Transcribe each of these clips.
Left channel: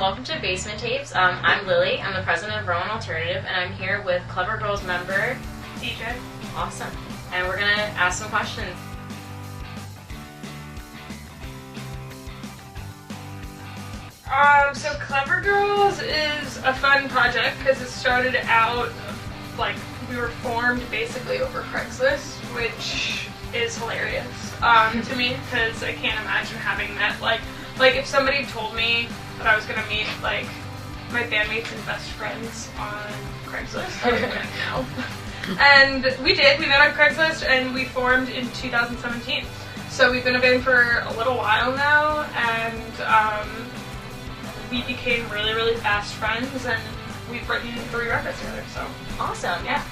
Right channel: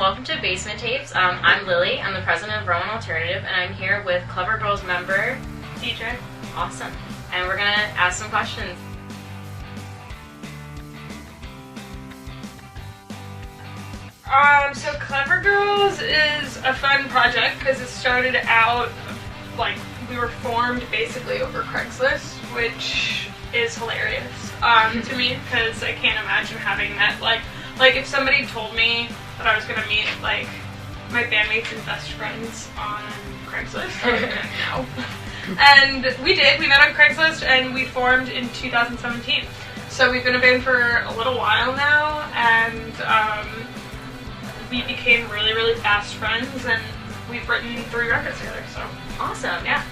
welcome to Basement Tapes. I'm Lily. I'm the president of Rowan Alternative, and I'm here with Clever Girls member DJ. Awesome. And we're gonna ask some questions. So Clever Girls is a fun project because it started out like we were formed basically over Craigslist, which is hilarious to me because I can't imagine having met like if somebody told me that I was gonna meet like my bandmates and best friends on Craigslist, I would have been no. And we did. We met on Craigslist and we formed in 2017. So we've been a band for a little while now, and we became really, really fast friends, and we've written 3 records together, so. Awesome. Yeah.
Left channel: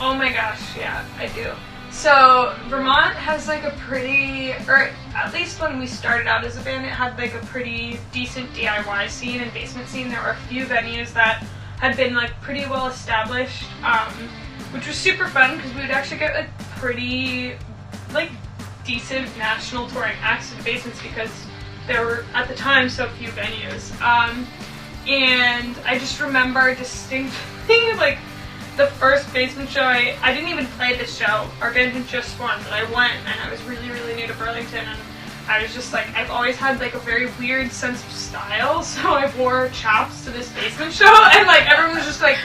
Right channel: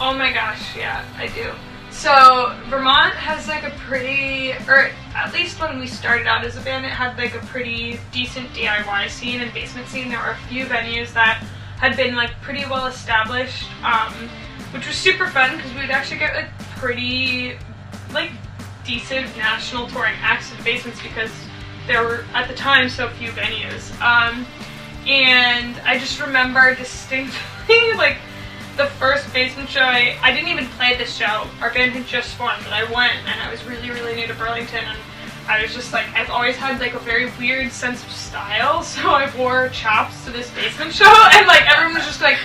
Oh my gosh, yeah, I do. So, Vermont has like a pretty, or at least when we started out as a band, it had like a pretty decent DIY scene and basement scene. There were a few venues that had been like pretty well established, which was super fun because we would actually get like pretty, like, decent national touring acts in the basements because there were at the time so few venues, and I just remember distinctly like the first basement show. I didn't even play this show. Our band had just formed, but I went and I was really, really new to Burlington, and I was just like, I've always had like a very weird sense of style, so I wore chaps to this basement show, and like everyone was just like,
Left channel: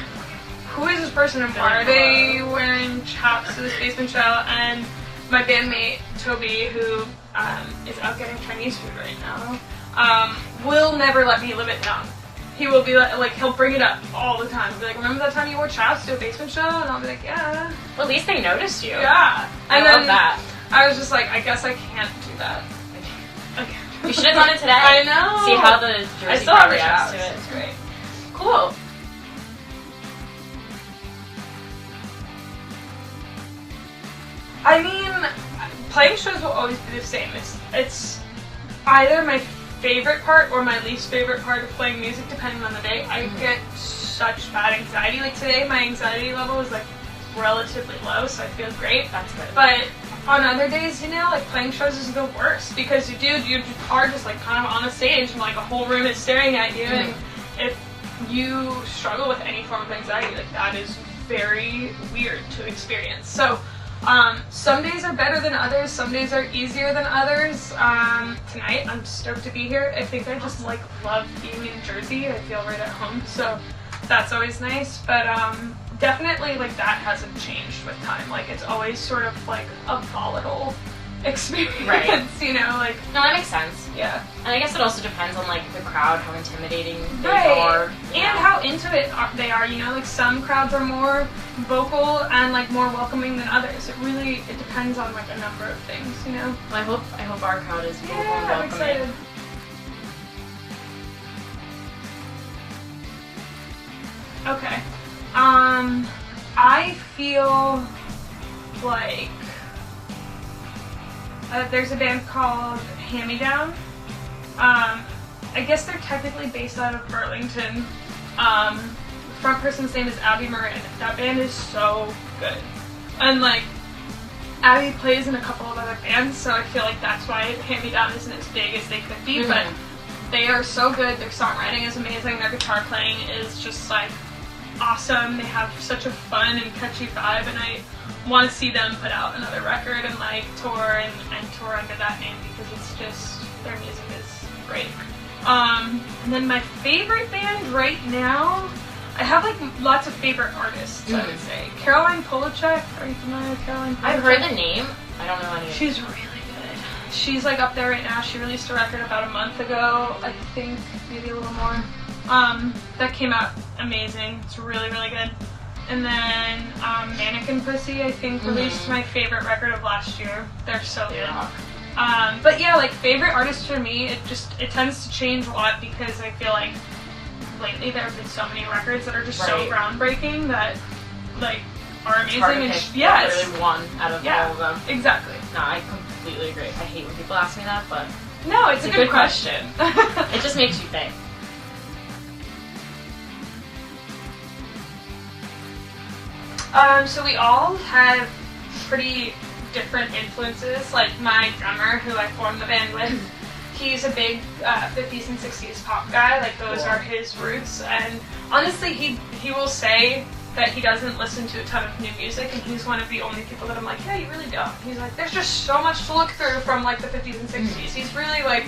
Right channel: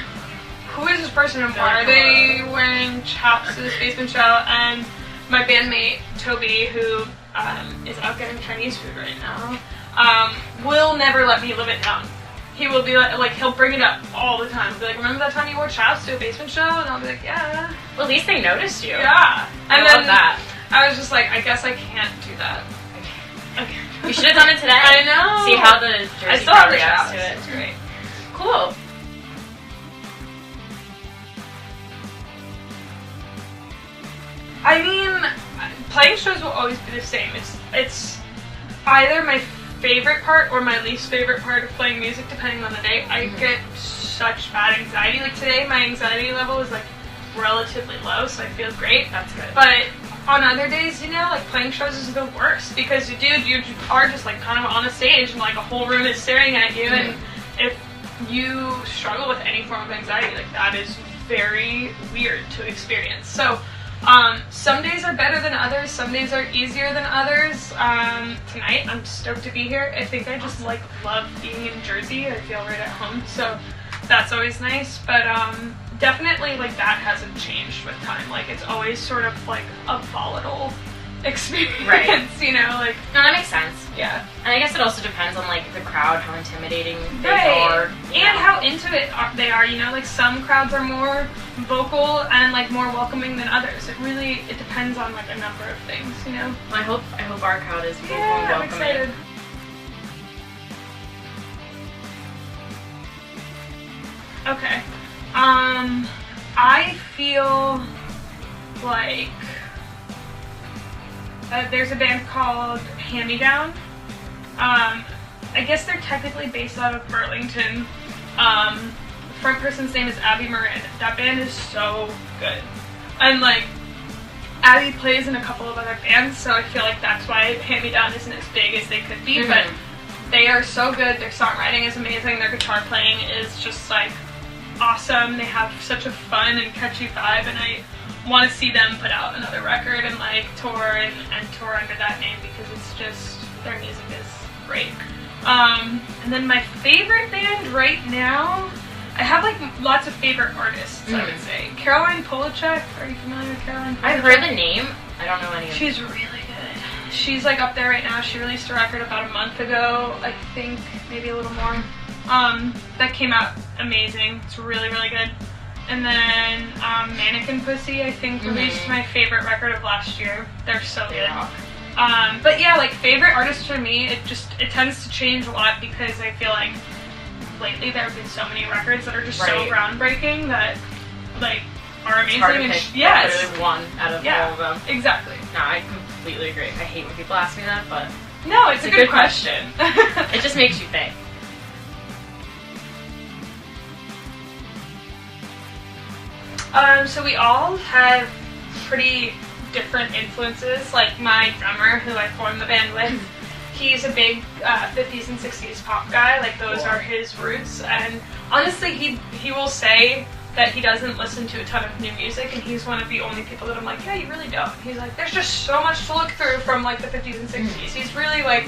who is this person and why are they wearing chaps to this basement show? And my bandmate, Toby, who is out getting Chinese food right now, will never let me live it down. He will be like, he'll bring it up all the time. He'll be like, remember that time you wore chaps to a basement show? And I'll be like, yeah. Well, at least they noticed you. Yeah. I love that. I was just like, I guess I can't do that. Okay. You should have done it today. I know. See how the jersey probably reacts to it. It's great. Cool. I mean, playing shows will always be the same. It's either my favorite part or my least favorite part of playing music, depending on the day. I get such bad anxiety. Like today, my anxiety level is like relatively low, so I feel great. That's good. But on other days, you know, like playing shows is the worst because you are just like kind of on a stage and like a whole room is staring at you, and if you struggle with any form of anxiety, like that is very weird to experience. So some days are better than others, some days are easier than others. Tonight I'm stoked to be here. I think I just like love being in Jersey. I feel right at home, so that's always nice. But definitely like that hasn't changed with time. Like it's always sort of like a volatile experience, right? You know, like no, that makes sense. Yeah, and I guess it also depends on like the crowd, how intimidating they right. are, and how into it they are. You know, like some crowds are more vocal and like more welcoming than others. It depends on like a number of things. You know. I hope our crowd is vocal Yeah, and I'm welcoming. excited. Okay. I feel like there's a band called Hand Me Down. I guess they're technically based out of Burlington. The front person's name is Abby Marin. That band is so good. And like, Abby plays in a couple of other bands, so I feel like that's why Hand Me Down isn't as big as they could be, but they are so good. Their songwriting is amazing. Their guitar playing is just like awesome. They have such a fun and catchy vibe, and I want to see them put out another record and like tour and tour under that name because it's just, their music is great. And then my favorite band right now, I have like lots of favorite artists, I would say. Caroline Polachek, are you familiar with Caroline Polachek? I've heard the name. I don't know any of them. She's really good. She's like up there right now. She released a record about a month ago, I think, maybe a little more. That came out amazing. It's really, really good. And then Mannequin Pussy, I think, released my favorite record of last year. They're so good. But yeah, like favorite artists for me, it tends to change a lot because I feel like lately there have been so many records that are just so groundbreaking that like are amazing. It's hard to pick literally one out of all of them. Exactly. No, I completely agree. I hate when people ask me that, but no, it's a good question. It just makes you think. So we all have pretty different influences. Like my drummer, who I formed the band with, he's a big 50s and 60s pop guy. Like those are his roots. And honestly, he will say that he doesn't listen to a ton of new music, and he's one of the only people that I'm like, yeah, you really don't. He's like, there's just so much to look through from like the 50s and 60s. He's really like,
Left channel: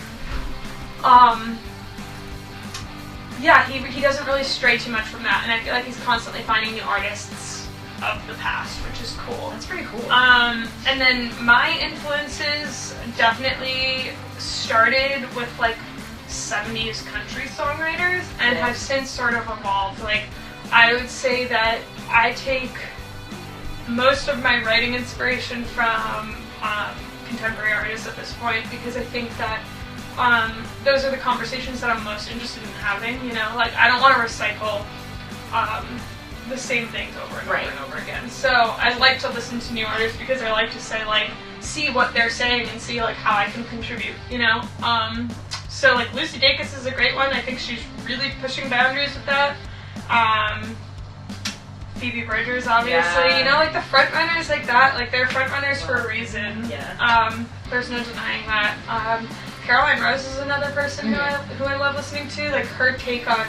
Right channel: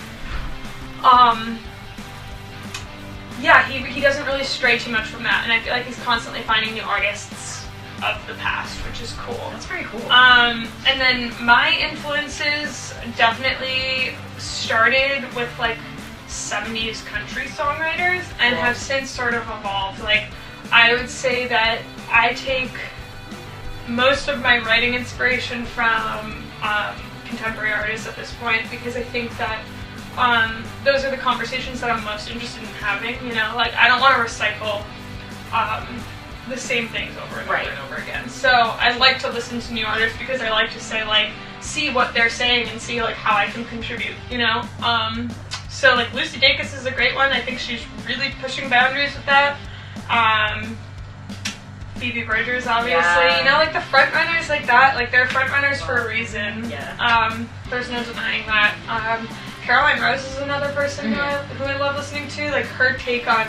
yeah, he doesn't really stray too much from that, and I feel like he's constantly finding new artists of the past, which is cool. That's pretty cool. And then my influences definitely started with like 70s country songwriters and have since sort of evolved. Like, I would say that I take most of my writing inspiration from contemporary artists at this point, because I think that those are the conversations that I'm most interested in having, you know? Like, I don't want to recycle the same things over and over and over again. So I like to listen to new artists because I like to say, like, see what they're saying and see, like, how I can contribute, you know? So, like, Lucy Dacus is a great one. I think she's really pushing boundaries with that. Phoebe Bridgers, obviously, you know, like the front runners like that, like they're front runners for a reason. There's no denying that. Caroline Rose is another person who I love listening to. Like, her take on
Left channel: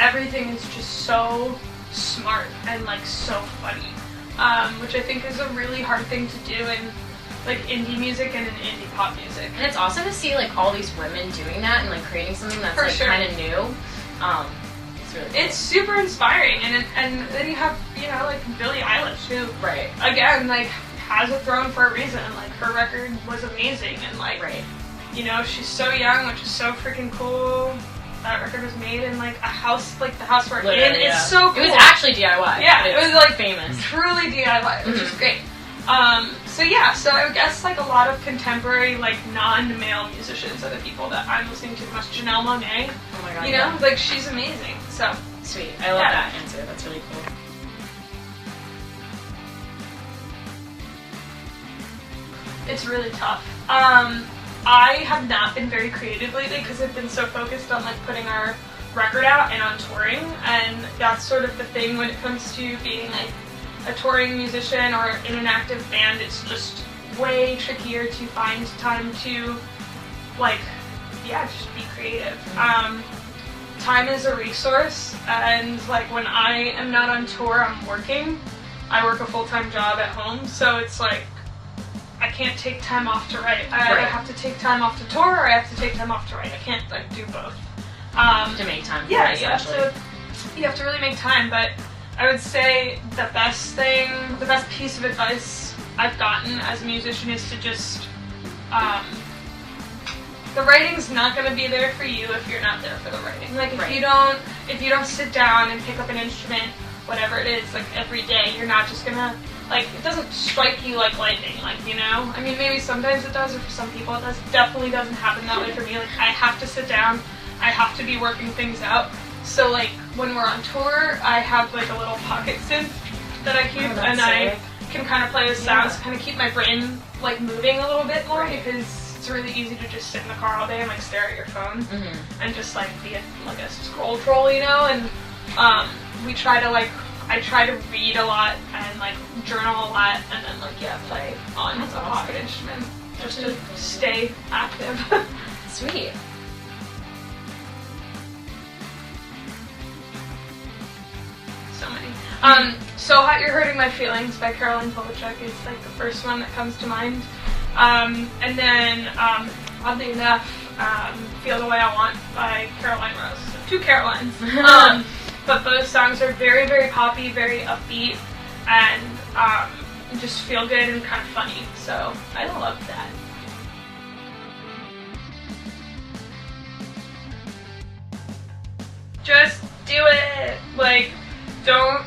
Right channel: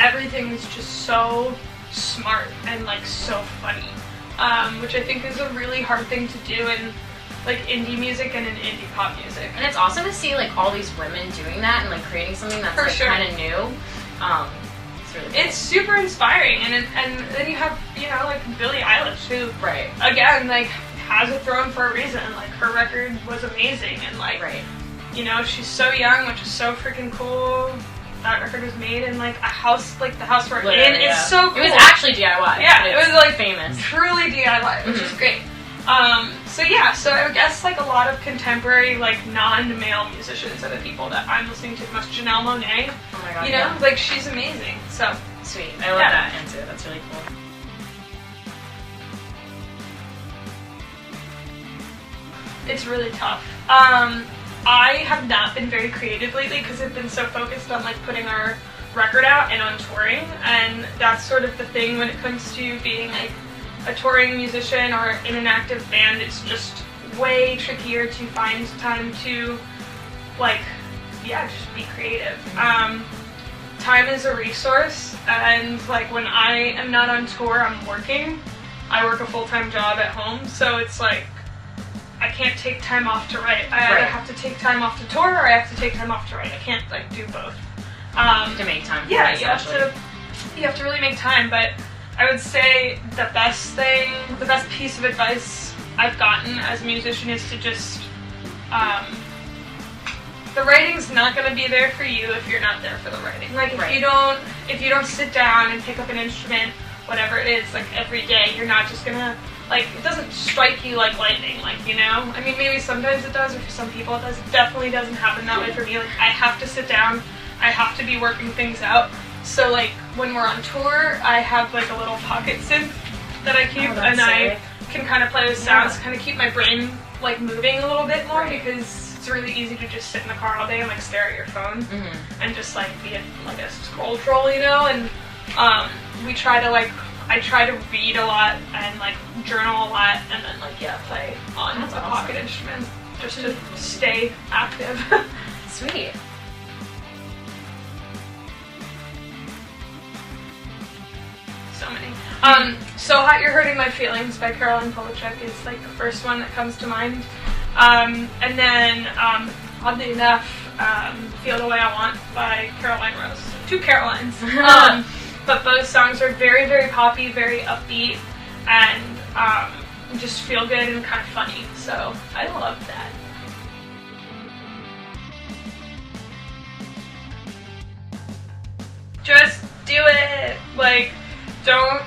everything is just so smart and like so funny, which I think is a really hard thing to do in like indie music and in indie pop music. And it's awesome to see like all these women doing that and like creating something that's like kind of new. It's really cool. It's super inspiring, and then you have, you know, like Billie Eilish, who again like has a throne for a reason. Like, her record was amazing, and like you know, she's so young, which is so freaking cool. That record was made in like a house, like the house we're in. It's so cool. It was actually DIY. Yeah, it was like famous, truly DIY, which is great. So yeah, so I would guess like a lot of contemporary, like non-male musicians are the people that I'm listening to the most. Janelle Monáe, oh my god, you know, like she's amazing. So sweet, I love that answer. That's really cool. It's really tough. I have not been very creative lately because I've been so focused on like putting our record out and on touring, and that's sort of the thing when it comes to being like a touring musician or in an active band. It's just way trickier to find time to like, just be creative. Time is a resource, and like when I am not on tour, I'm working. I work a full-time job at home, so it's like I can't take time off to write. I either have to take time off to tour or I have to take time off to write. I can't like do both. To make time for it, you have to really make time, but I would say the best piece of advice I've gotten as a musician is to just, the writing's not going to be there for you if you're not there for the writing. Like, if you don't sit down and pick up an instrument, whatever it is, like every day, you're not just gonna, like, it doesn't strike you like lightning, like, you know? I mean, maybe sometimes it does, or for some people it does. It definitely doesn't happen that way for me. Like, I have to sit down, I have to be working things out. So, like, when we're on tour, I have, like, a little pocket synth that I keep, and I can kind of play with sounds to kind of keep my brain, like, moving a little bit more, because it's really easy to just sit in the car all day and, like, stare at your phone and just, like, be a scroll troll, you know? And we try to, like, I try to read a lot and, like, journal a lot, and then, like, play on a pocket instrument just to stay active. Sweet. So many. So Hot You're Hurting My Feelings by Caroline Polachek is, like, the first one that comes to mind. And then, oddly enough, Feel the Way I Want by Caroline Rose. Two Carolines. But both songs are very, very poppy, very upbeat, and just feel good and kind of funny. So I love that. Just do it. Like, don't.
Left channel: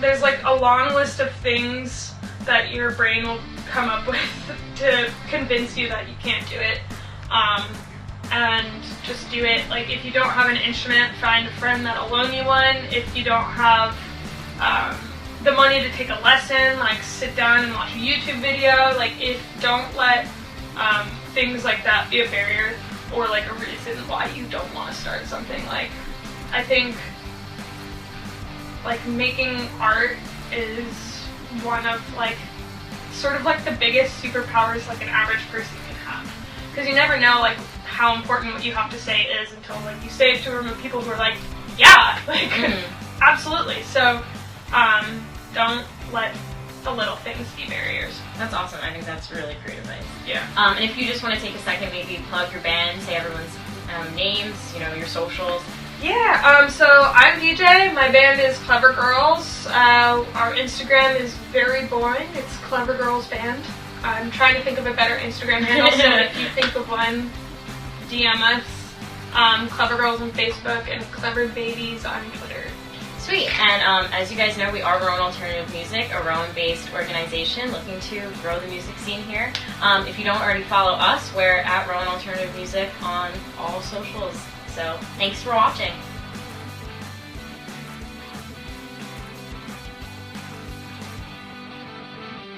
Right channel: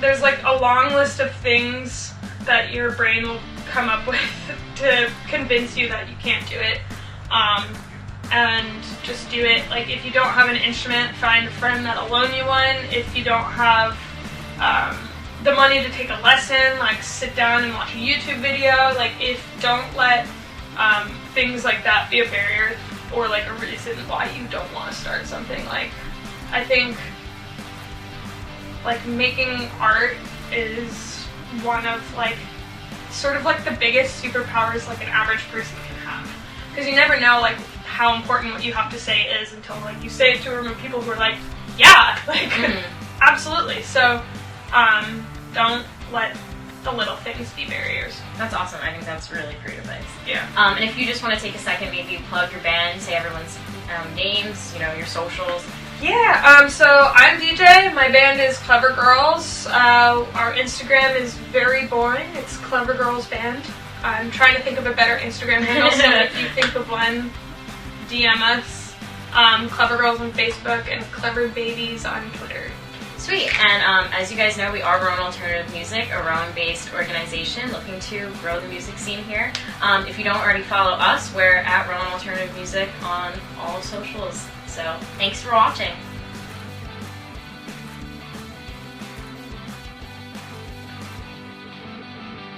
There's like a long list of things that your brain will come up with to convince you that you can't do it. And just do it. Like, if you don't have an instrument, find a friend that'll loan you one. If you don't have the money to take a lesson, like, sit down and watch a YouTube video. Like, don't let things like that be a barrier or, like, a reason why you don't want to start something. Like, I think, like, making art is one of, like, sort of like the biggest superpowers like an average person can have. Because you never know like how important what you have to say is until like you say it to a room of people who are like, yeah, like absolutely. So don't let the little things be barriers. That's awesome. I think that's really great advice. Yeah. And if you just want to take a second, maybe plug your band, say everyone's names, your socials. Yeah, so I'm DJ. My band is Clever Girls. Our Instagram is very boring. It's Clever Girls Band. I'm trying to think of a better Instagram handle, so if you think of one, DM us. Clever Girls on Facebook and Clever Babies on Twitter. Sweet. And as you guys know, we are Rowan Alternative Music, a Rowan-based organization looking to grow the music scene here. If you don't already follow us, we're at Rowan Alternative Music on all socials. So thanks for watching.